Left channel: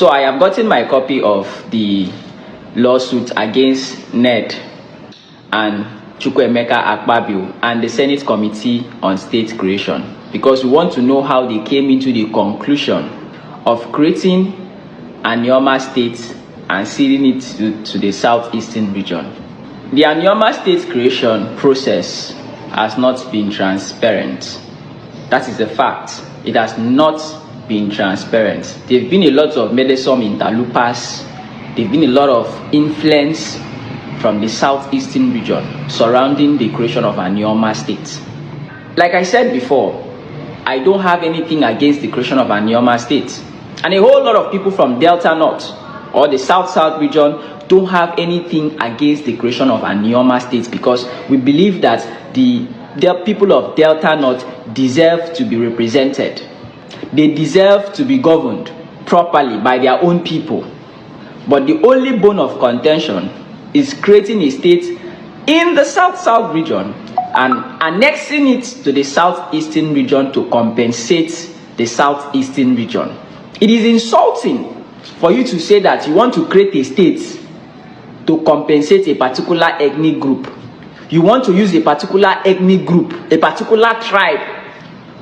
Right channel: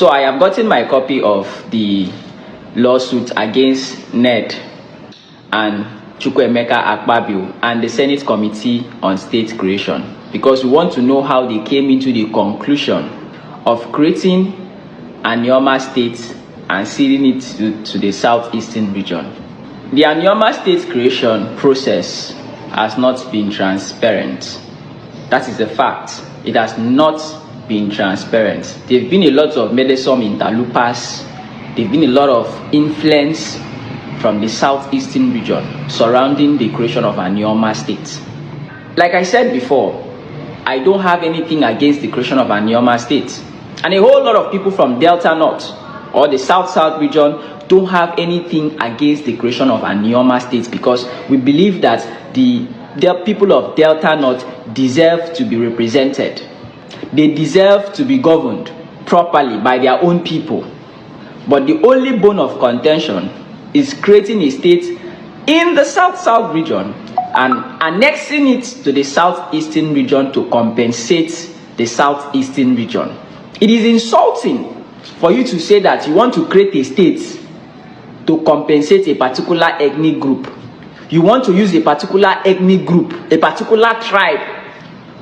So I have gotten my copy of the lawsuit against Ned and Chukwuemeka Akpabio and the Senate Committee on State Creation, because we want to know how they came into the conclusion of creating Anioma State and ceding it to the southeastern region. The Anioma State creation process has not been transparent. That is a fact. It has not been transparent. There have been a lot of meddlesome interlopers. There have been a lot of influence from the southeastern region surrounding the creation of Anioma State. Like I said before, I don't have anything against the creation of Anioma State. And a whole lot of people from Delta North or the South-South region don't have anything against the creation of Anioma State, because we believe that the people of Delta North deserve to be represented. They deserve to be governed properly by their own people. But the only bone of contention is creating a state in the South-South region and annexing it to the Southeastern region to compensate the Southeastern region. It is insulting for you to say that you want to create a state to compensate a particular ethnic group. You want to use a particular ethnic group, a particular tribe,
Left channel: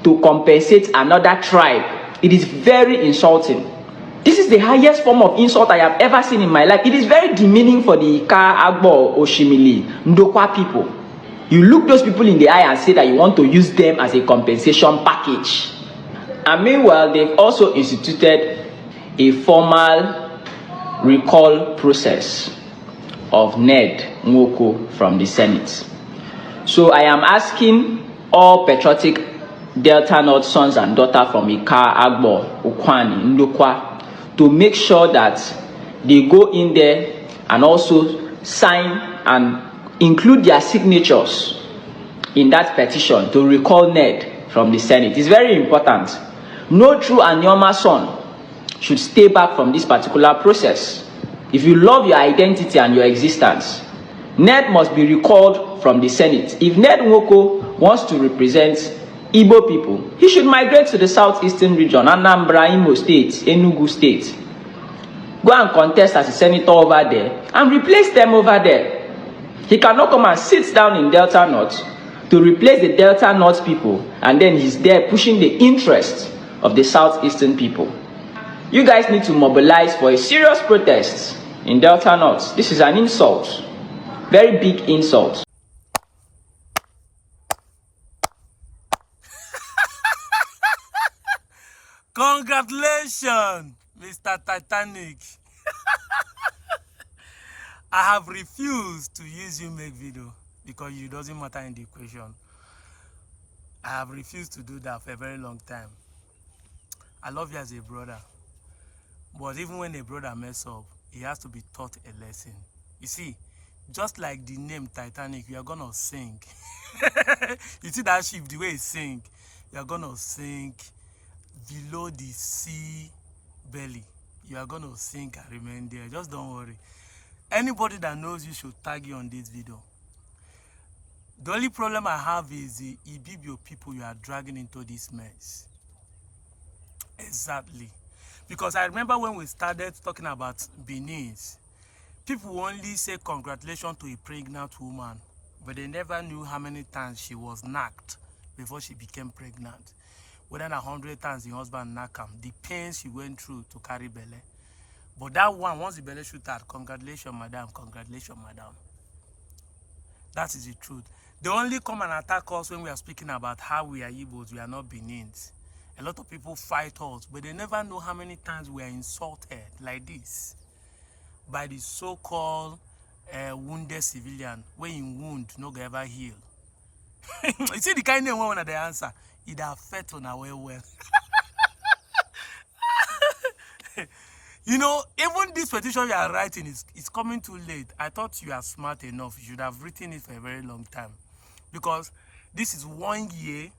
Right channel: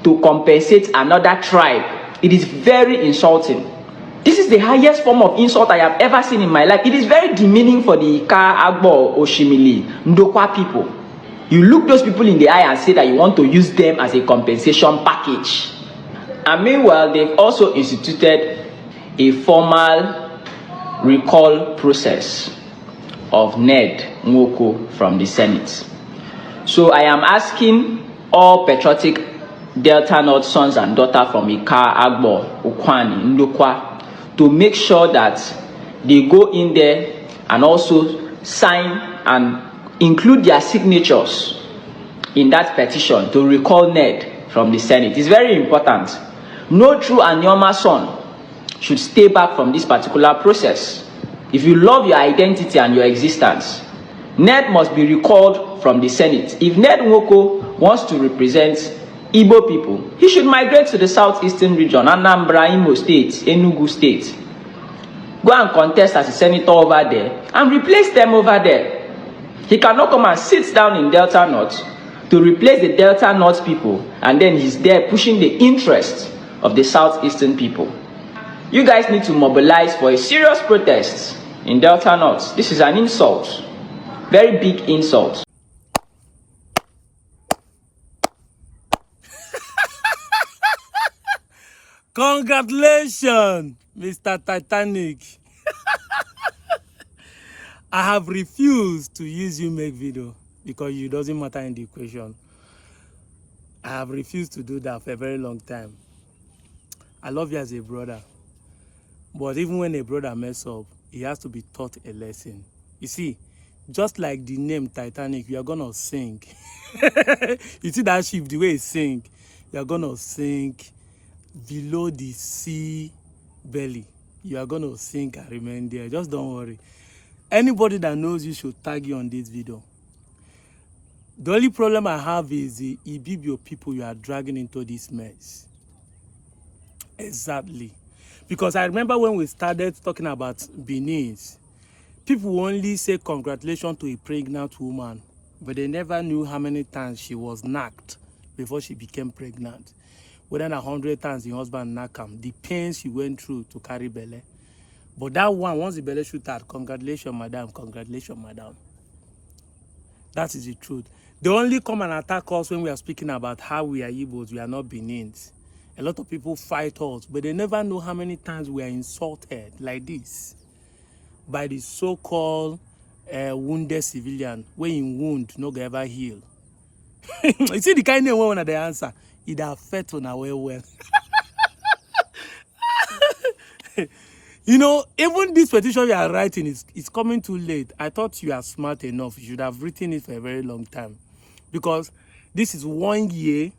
to compensate another tribe. It is very insulting. This is the highest form of insult I have ever seen in my life. It is very demeaning for the Ika, Agbo, Oshimili, Ndokwa people. You look those people in the eye and say that you want to use them as a compensation package. And meanwhile, they've also instituted a formal recall process of Ned Moko from the Senate. So I am asking all patriotic Delta North sons and daughters from Ika, Agbo, Ukwani, Ndokwa to make sure that they go in there and also sign and include their signatures in that petition to recall Ned from the Senate. It's very important. No true Anioma son should stay back from this particular process. If you love your identity and your existence, Ned must be recalled from the Senate. If Ned Moko wants to represent Igbo people, he should migrate to the southeastern region, Anambra, Imo State, Enugu State. Go and contest as a senator over there and replace them over there. He cannot come and sit down in Delta North to replace the Delta North people, and then he's there pushing the interests of the southeastern people. You guys need to mobilize for a serious protest in Delta North. This is an insult. Very big insult. Congratulations, Mr. Titanic. I have refused to use you make video because you doesn't matter in the equation. I have refused to do that for a very long time. I love you as a brother. But even when a brother mess up, he has to be taught a lesson. You see, just like the name Titanic, you are gonna sink. You see that ship, the way it sink, you are gonna sink below the sea belly. You are gonna sink and remain there. Just don't worry. Anybody that knows you should tag you on this video. The only problem I have is the IPOB people you are dragging into this mess. Exactly. Because I remember when we started talking about Benin's, people only say congratulations to a pregnant woman, but they never knew how many times she was knocked before she became pregnant. Whether 100 times the husband knocked her, the pain she went through to carry belly. But that one, once the belly shoot out, congratulations, madam, congratulations, madam. That is the truth. They only come and attack us when we are speaking about how we are Igbos, we are not Benins. A lot of people fight us, but they never know how many times we are insulted like this by the so-called wounded civilian, when in wound, no go ever heal. You see the kind of one of the answer, it affects on our well. You know, even this petition you are writing is coming too late. I thought you are smart enough. You should have written it for a very long time. Because this is 1 year,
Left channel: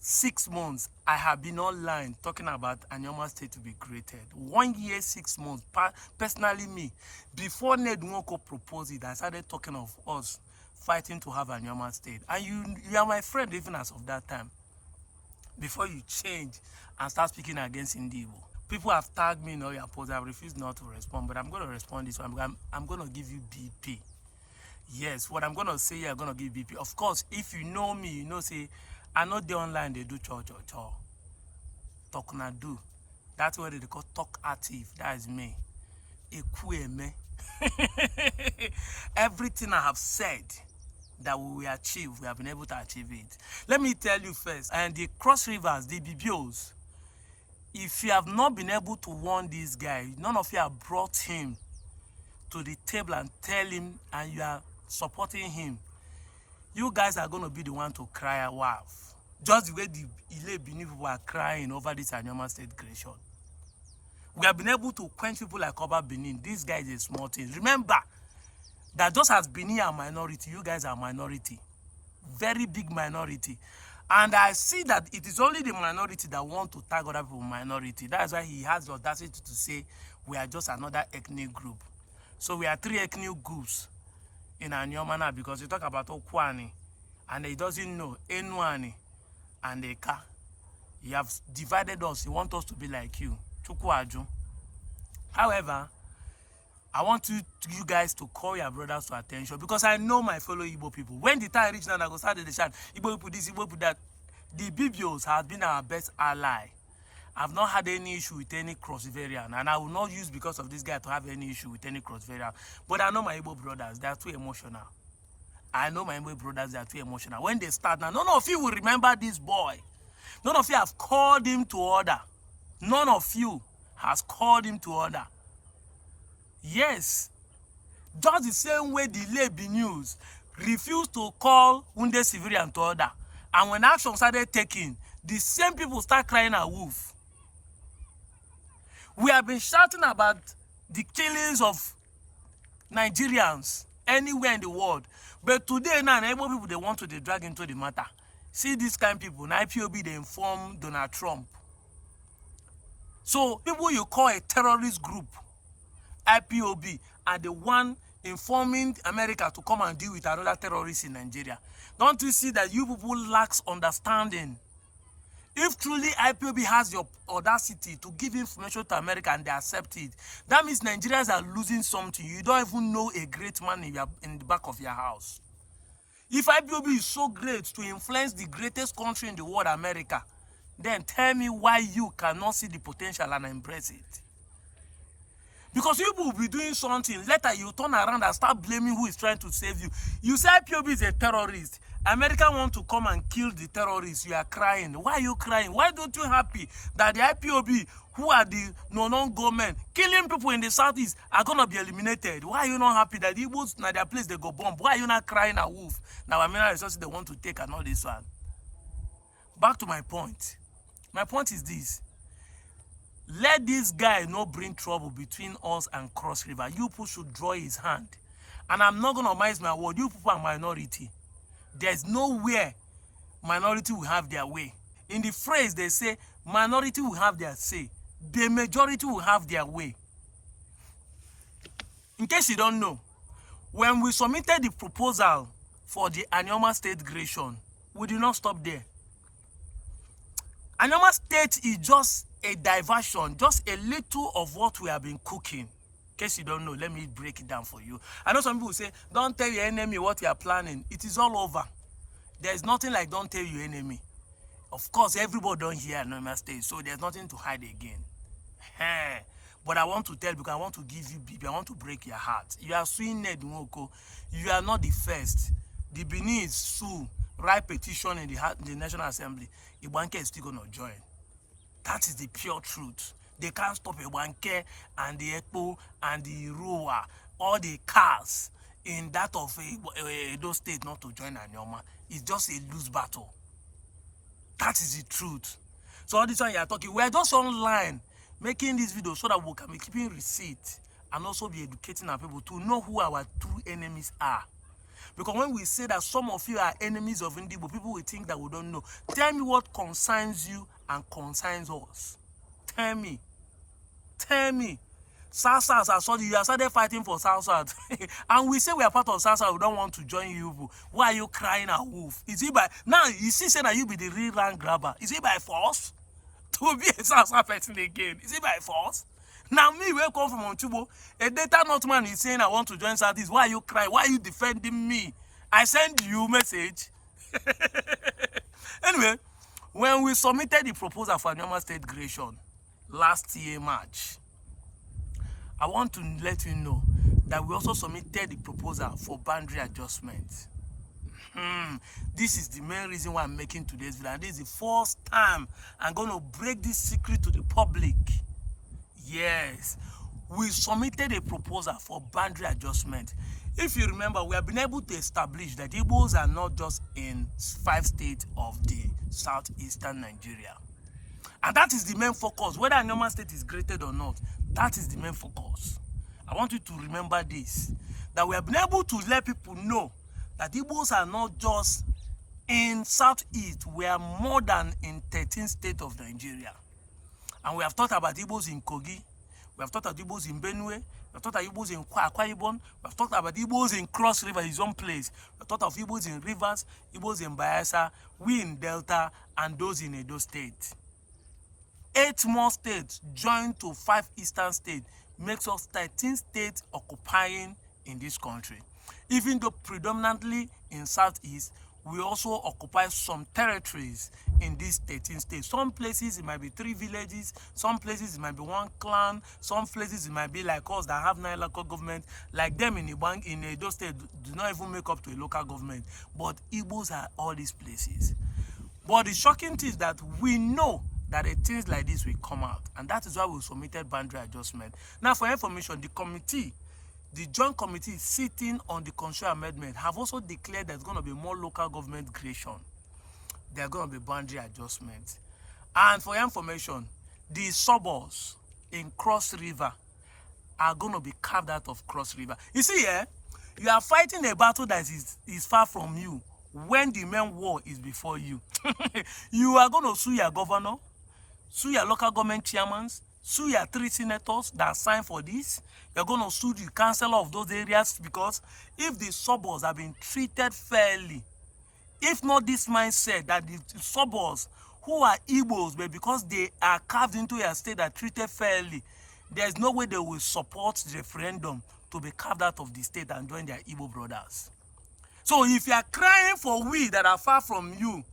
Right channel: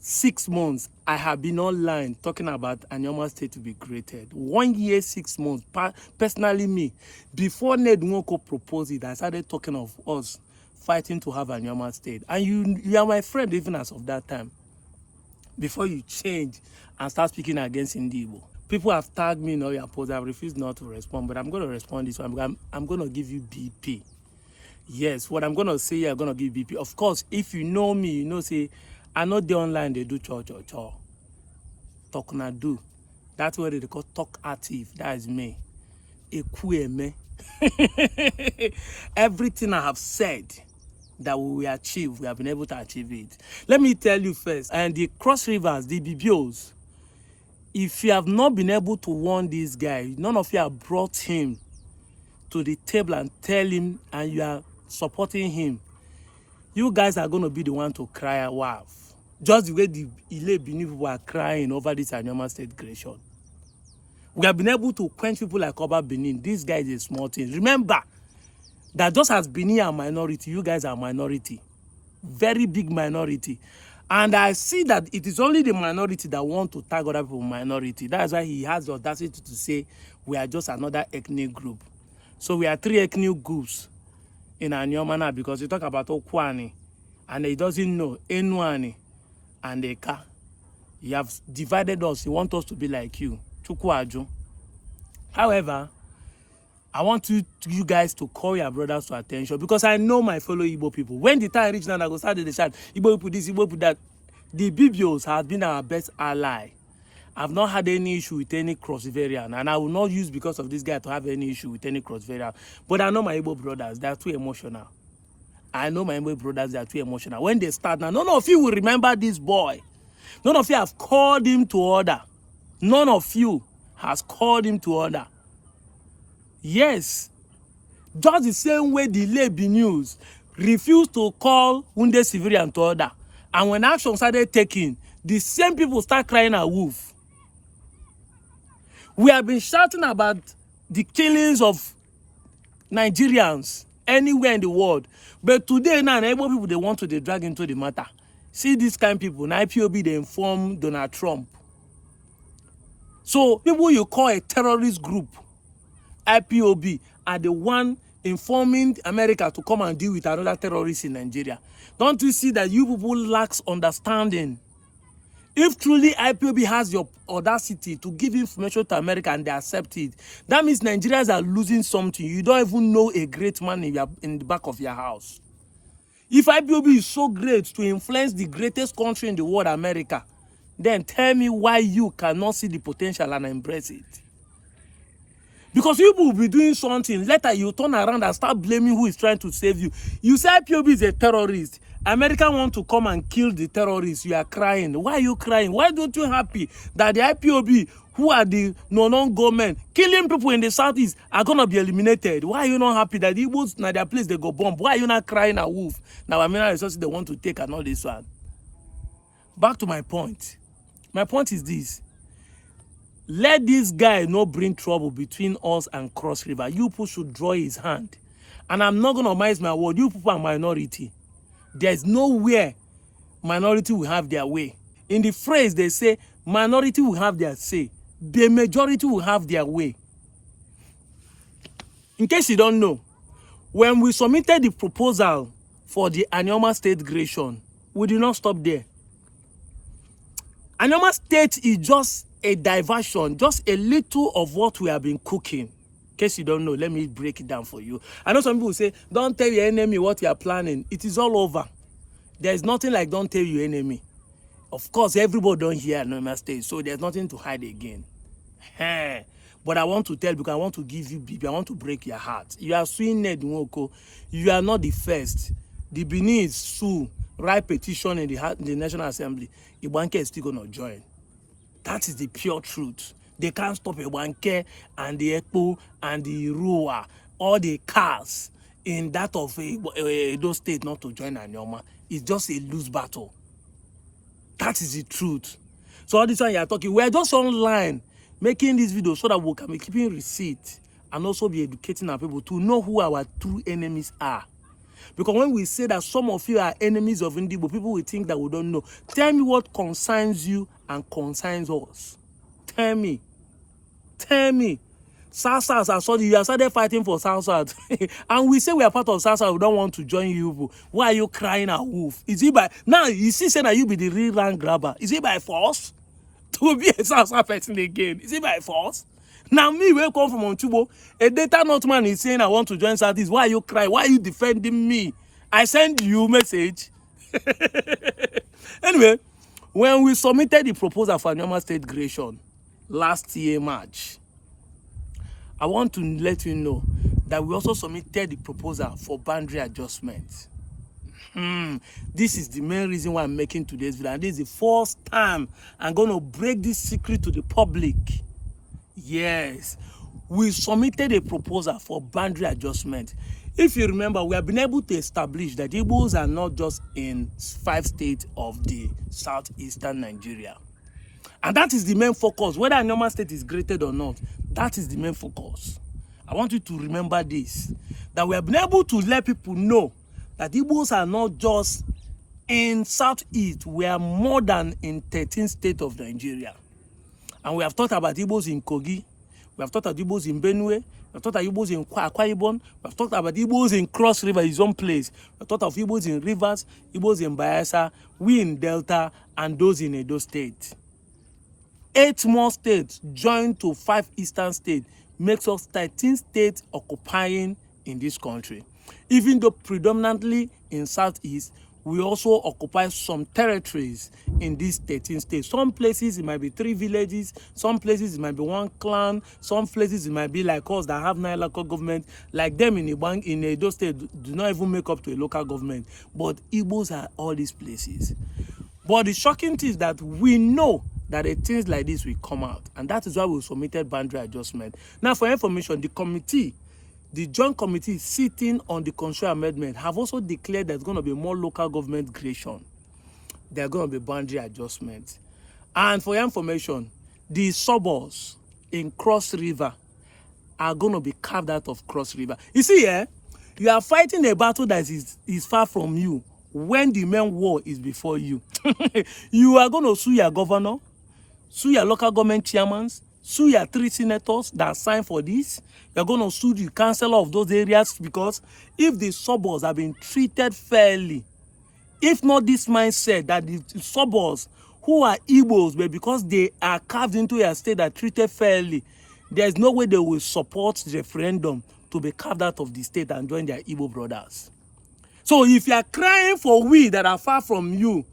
6 months, I have been online talking about Anioma State to be created. 1 year, 6 months. Personally, me, before Ned Moko proposed it, I started talking of us fighting to have Anioma State. And you are my friend even as of that time. Before you change and start speaking against Indibo. People have tagged me in all your posts. I've refused not to respond, but I'm going to respond this one. I'm going to give you BP. Yes, what I'm going to say, I'm going to give BP. Of course, if you know me, you know, say, I know the online, they do cho. Talk na do. That's what they call talk active. That is me. Me. Everything I have said that we will achieve, we have been able to achieve it. Let me tell you first, and the Cross Rivers, the BBOs, if you have not been able to warn this guy, none of you have brought him to the table and tell him, and you are supporting him, you guys are going to be the one to cry wow. Just the way the Ile Benin people are crying over this Anioma State creation. We have been able to quench people like Oba Benin. This guy is a small thing. Remember that just as Benin are minority, you guys are minority. Very big minority. And I see that it is only the minority that want to tag other people minority. That's why he has the audacity to say we are just another ethnic group. So we are 3 ethnic groups in Anioma now, because you talk about Okwani and he doesn't know Enuani and Eka. You have divided us. You want us to be like you. Chukwaju. However, I want you guys to call your brothers to attention, because I know my fellow Igbo people. When the time reach now, I go start the chat. Igbo people this, Igbo people that. The BBOs have been our best ally. I've not had any issue with any cross-variant, and I will not use because of this guy to have any issue with any cross-variant. But I know my Igbo brothers, they are too emotional. I know my Igbo brothers, they are too emotional. When they start now, none of you will remember this boy. None of you have called him to order. None of you has called him to order. Yes. Just the same way the Labour News refused to call wounded civilian to order. And when action started taking, the same people start crying a wolf. We have been shouting about the killings of Nigerians anywhere in the world. But today now, Igbo people, they want to drag into the matter. See these kind of people, now IPOB, they inform Donald Trump. So people you call a terrorist group, IPOB, are the one informing America to come and deal with another terrorist in Nigeria. Don't you see that you people lack understanding? If truly IPOB has your audacity to give information to America and they accept it, that means Nigerians are losing something. You don't even know a great man in the back of your house. If IPOB is so great to influence the greatest country in the world, America, then tell me why you cannot see the potential and embrace it. Because you will be doing something, later you turn around and start blaming who is trying to save you. You say IPOB is a terrorist. America want to come and kill the terrorists. You are crying. Why are you crying? Why don't you happy that the IPOB, who are the non-government, killing people in the southeast, are going to be eliminated? Why are you not happy that the Igbos, now their place, they go bomb? Why are you not crying a wolf? Now, I mean, resources they want to take and all this one. Back to my point. My point is this. Let this guy not bring trouble between us and Cross River. You people should draw his hand. And I'm not going to mince my word. You people are minority. There's nowhere minority will have their way. In the phrase, they say, minority will have their say. The majority will have their way. In case you don't know, when we submitted the proposal for the Anioma State creation, we did not stop there. Anioma State is just a diversion, just a little of what we have been cooking. In case you don't know, let me break it down for you. I know some people say, don't tell your enemy what you are planning. It is all over. There is nothing like don't tell your enemy. Of course, everybody don't hear Anioma State, so there's nothing to hide again. But I want to tell, because I want to give you BP, I want to break your heart. You are suing Ned Moko. You are not the first. The Benin sue, write petition in the National Assembly. Ibanke is still going to join. That is the pure truth. They can't stop Ibanke and the Ekpo and the Rua, all the cars in that of Edo State not to join Anioma. It's just a loose battle. That is the truth. So all this time you are talking, we're just online making this video so that we can be keeping receipt and also be educating our people to know who our true enemies are. Because when we say that some of you are enemies of Indigo, people will think that we don't know. Tell me what concerns you and concerns us. Tell me. Tell me. South-South, you have started fighting for South-South. And we say we are part of South-South, we don't want to join you. Why are you crying a wolf? Is it by... Now, you see saying that you be the real land grabber. Is it by force? to be a South person again. Is it by force? Now me, where come from Onchubo, a data notman is saying I want to join Southeast. Why are you crying? Why are you defending me? I send you message. Anyway, when we submitted the proposal for Anioma State creation last year, March, I want to let you know that we also submitted the proposal for boundary adjustment. This is the main reason why I'm making today's video. And this is the first time I'm going to break this secret to the public. Yes, we submitted a proposal for boundary adjustment. If you remember, we have been able to establish that Igbos are not just in 5 states of the southeastern Nigeria. And that is the main focus. Whether Anioma State is graded or not, that is the main focus. I want you to remember this, that we have been able to let people know that Igbos are not just in southeast, we are more than in 13 states of Nigeria. And we have talked about Igbos in Kogi, we have talked about Igbos in Benue, we have talked about Igbos in Akwa Ibom, we have talked about Igbos in Cross River, his own place. We have talked of Igbos in Rivers, Igbos in Bayelsa, we in Delta, and those in Edo State. 8 more states joined to 5 eastern states makes us 13 states occupying in this country. Even though predominantly in southeast, we also occupy some territories in these 13 states. Some places it might be 3 villages, some places it might be 1 clan, some places it might be like us that have 9 local governments, like them in Edo State do not even make up to a local government. But Igbos are all these places. But the shocking thing is that we know that things like this will come out, and that is why we submitted boundary adjustment. Now, for information, the joint committee sitting on the constitutional amendment have also declared there's going to be more local government creation. There are going to be boundary adjustments. And for your information, the suburbs in Cross River are going to be carved out of Cross River. You see, you are fighting a battle that is far from you when the main war is before you. You are going to sue your governor, sue your local government chairmen, sue your 3 senators that signed for this. You're going to sue the councillor of those areas, because if the suburbs have been treated fairly, if not this mindset that the suburbs who are Igbos, but because they are carved into a state that treated fairly, there's no way they will support the referendum to be carved out of the state and join their Igbo brothers. So if you are crying for we that are far from you,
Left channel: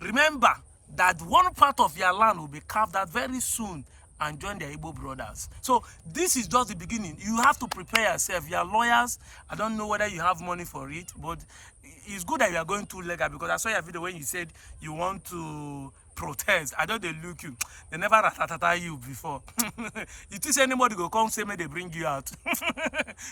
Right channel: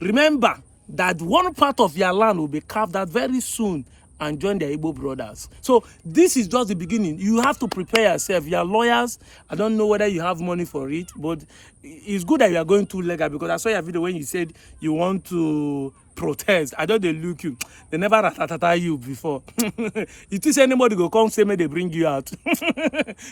remember that one part of your land will be carved out very soon and join their Igbo brothers. So this is just the beginning. You have to prepare yourself. You are lawyers. I don't know whether you have money for it, but it's good that you are going too legal, because I saw your video when you said you want to protest. I don't they look you. They never ratatata you before. It is anybody go come say me they bring you out.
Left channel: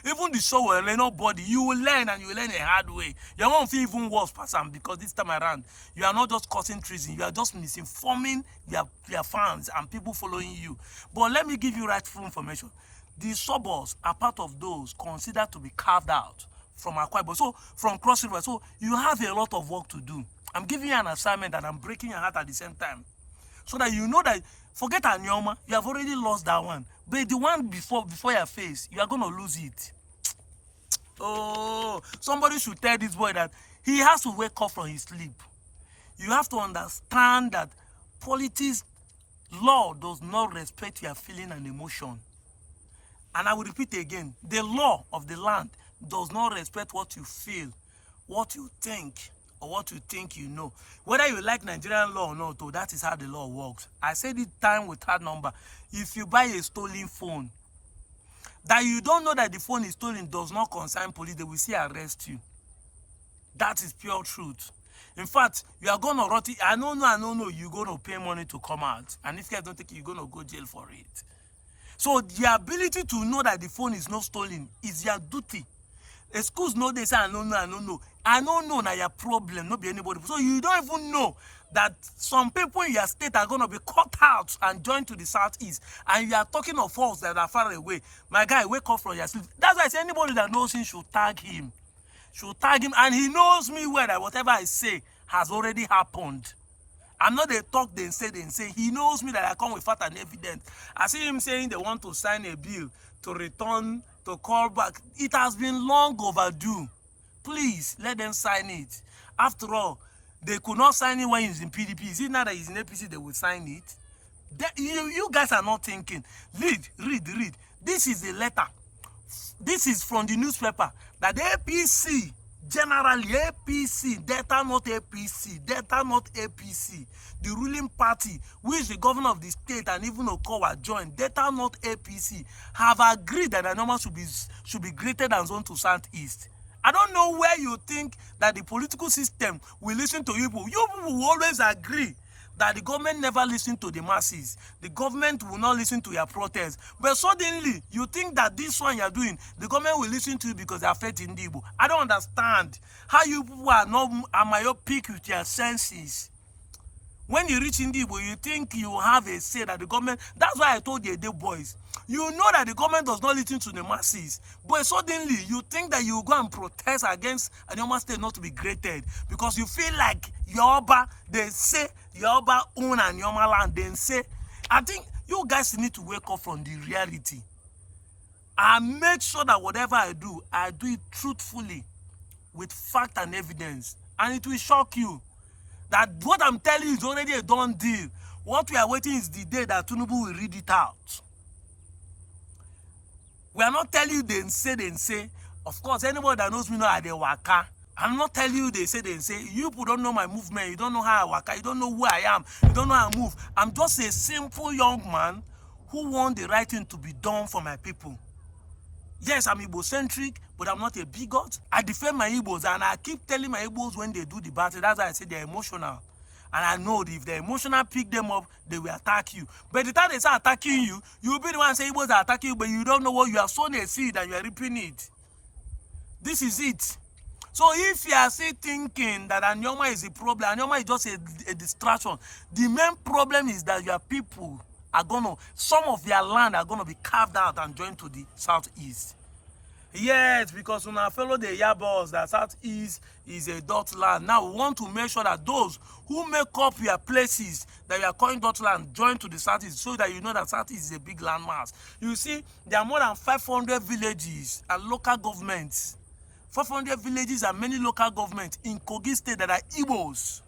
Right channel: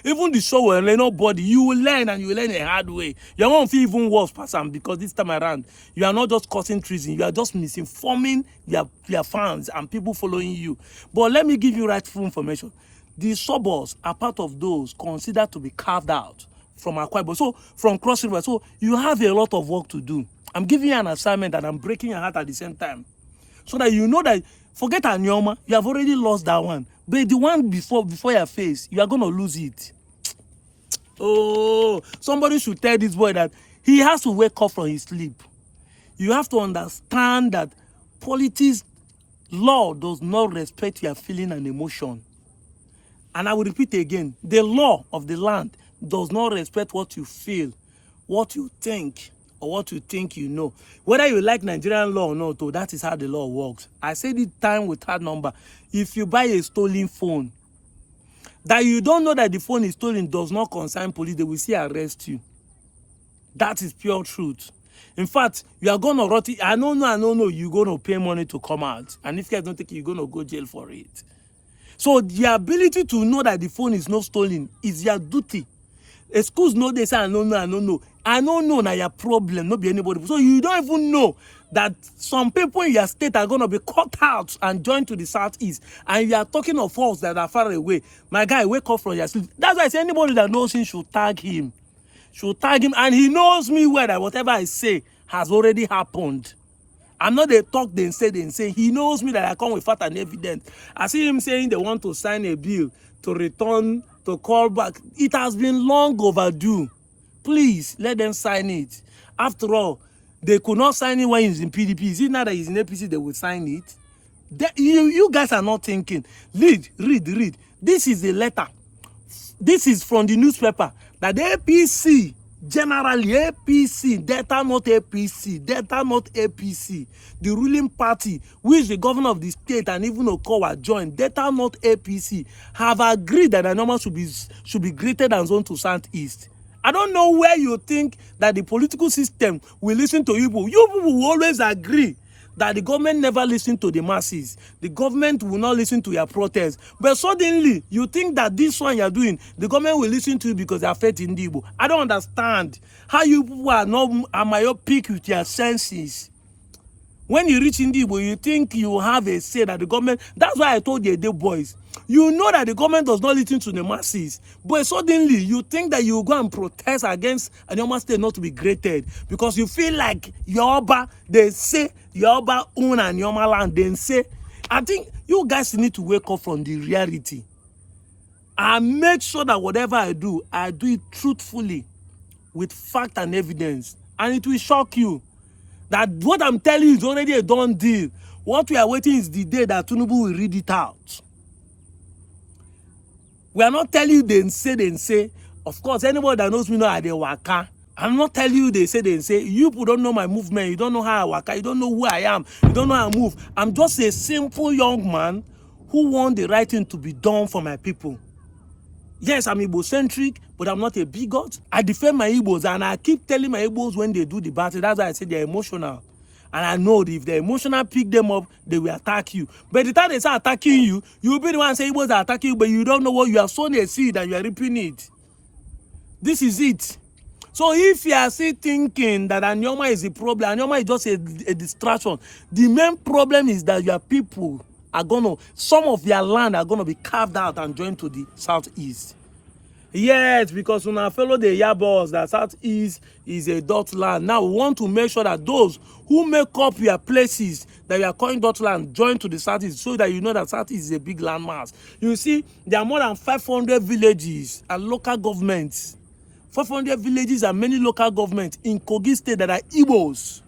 Even the show will learn nobody. You will learn, and you will learn a hard way. You won't feel even worse, person, because this time around you are not just causing treason. You are just misinforming your fans and people following you. But let me give you rightful information. The suburbs are part of those considered to be carved out from Akwa Ibom, so from Cross River. So you have a lot of work to do. I'm giving you an assignment and I'm breaking your heart at the same time, so that you know that forget Anioma, you have already lost that one. But the one before your face, you are going to lose it. Oh, somebody should tell this boy that he has to wake up from his sleep. You have to understand that politics law does not respect your feeling and emotion. And I will repeat again, the law of the land does not respect what you feel, what you think, or what you think you know. Whether you like Nigerian law or not, that is how the law works. I said it time with hard number. If you buy a stolen phone, that you don't know that the phone is stolen does not concern police, they will still arrest you. That is pure truth. In fact, you are going to rot it. I don't know, you're going to pay money to come out. And if you guys don't take it, you're going to go jail for it. So the ability to know that the phone is not stolen is your duty. Excuse no, they say, I don't know. I don't know now your problem, not be anybody. So you don't even know that some people in your state are going to be cut out and joined to the southeast. And you are talking of us that are far away. My guy, wake up from your sleep. That's why I say anybody that knows him should tag him. And he knows me well that whatever I say has already happened. I'm not a talk they say. He knows me that I come with fact and evidence. I see him saying they want to sign a bill to return, to call back. It has been long overdue. Please, let them sign it. After all, they could not sign it when he's in PDP. Is it now that he's in APC they will sign it? You guys are not thinking. Read. This is a letter. This is from the newspaper that the APC, generally APC, Delta not APC, the ruling party, which the governor of the state and even Okowa joined, Delta not APC, have agreed that Anioma should be graded and zoned to Southeast. I don't know where you think that the political system will listen to you. You people will always agree that the government never listens to the masses. The government will not listen to your protests. But suddenly, you think that this one you're doing, the government will listen to you because they are fed in the Igbo. I don't understand how you people are not myopic with your senses. When you reach Indibo, you think you have a say that the government... That's why I told you, the boys. You know that the government does not listen to the masses. But suddenly, you think that you go and protest against Anioma State not to be graded. Because you feel like Yoruba, they say Yoruba own Anioma land. They say... I think you guys need to wake up from the reality. And make sure that whatever I do it truthfully. With fact and evidence. And it will shock you. That what I'm telling you is already a done deal. What we are waiting is the day that Tinubu will read it out. We are not telling you they say. Of course, anybody that knows me know how they waka. I'm not telling you they say. You people don't know my movement. You don't know how I waka. You don't know who I am. You don't know how I move. I'm just a simple young man who want the right thing to be done for my people. Yes, I'm Igbo-centric, but I'm not a bigot. I defend my Igbos, and I keep telling my Igbos when they do the battle. That's why I say they're emotional. And I know that if they're emotional, pick them up, they will attack you. But the time they start attacking you, you will be the one saying Igbos are attacking you, but you don't know what you have sown a seed and you are reaping it. This is it. So if you are still thinking that Anioma is a problem, Anioma is just a distraction. The main problem is that your people are some of their land are gonna be carved out and joined to the Southeast. Yes, because when I follow the Yabos, that Southeast is a dot land. Now we want to make sure that those who make up your places that you are calling dot land join to the Southeast, so that you know that Southeast is a big landmass. You see, there are more than 500 villages and local governments. 500 villages and many local governments in Kogi State that are Igbos.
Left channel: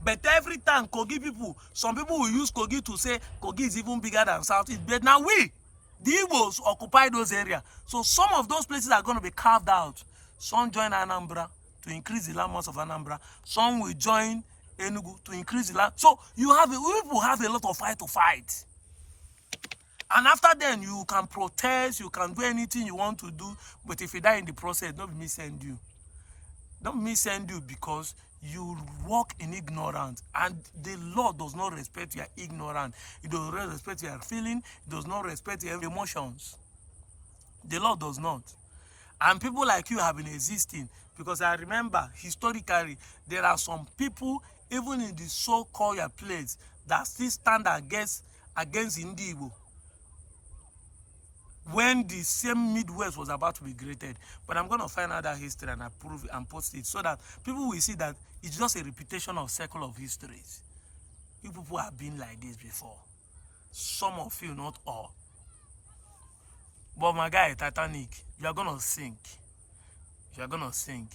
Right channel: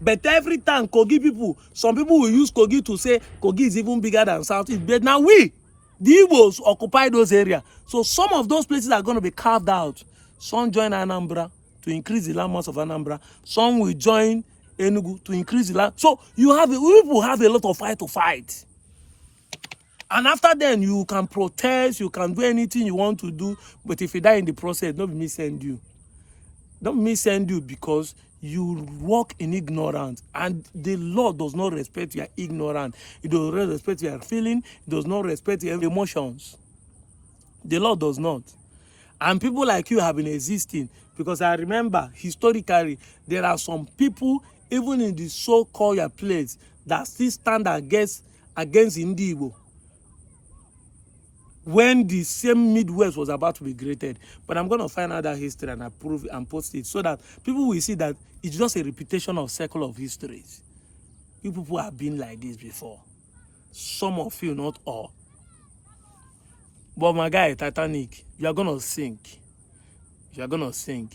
But every time Kogi people, some people will use Kogi to say Kogi is even bigger than Southeast. But now the Igbos occupy those areas. So some of those places are going to be carved out. Some join Anambra to increase the landmass of Anambra. Some will join Enugu to increase the land. So people have a lot of fight to fight. And after then, you can protest, you can do anything you want to do. But if you die in the process, don't me send you. Don't me send you because you walk in ignorance, and the law does not respect your ignorance. It does not respect your feeling. It does not respect your emotions. The law does not. And people like you have been existing, because I remember historically there are some people even in the so-called place that still stand against Indigo when the same Midwest was about to be created. But I'm going to find out that history and approve and post it so that people will see that it's just a repetition of cycle of histories. You people have been like this before. Some of you, not all. But my guy, Titanic, you are going to sink. You are going to sink.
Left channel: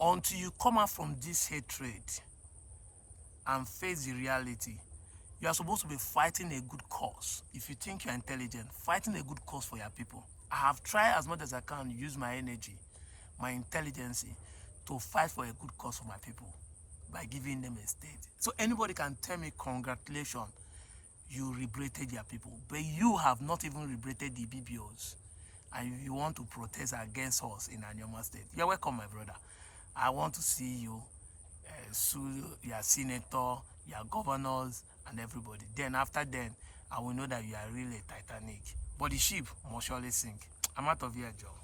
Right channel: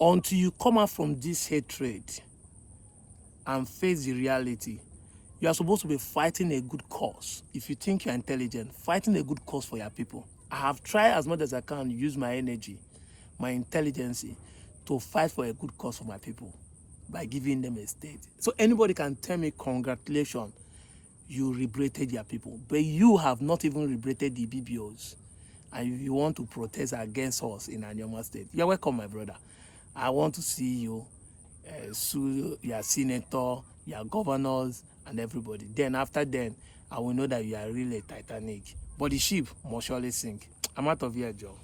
Until you come out from this hatred and face the reality. You are supposed to be fighting a good cause. If you think you're intelligent, fighting a good cause for your people. I have tried as much as I can to use my energy, my intelligence, to fight for a good cause for my people by giving them a state. So anybody can tell me, congratulations, you liberated your people. But you have not even liberated the BBOs. And you want to protest against us in Anioma State. You're welcome, my brother. I want to see you sue your senator, your governors, and everybody. Then after then, I will know that you are really a Titanic. But the ship must surely sink. I'm out of here, Joe.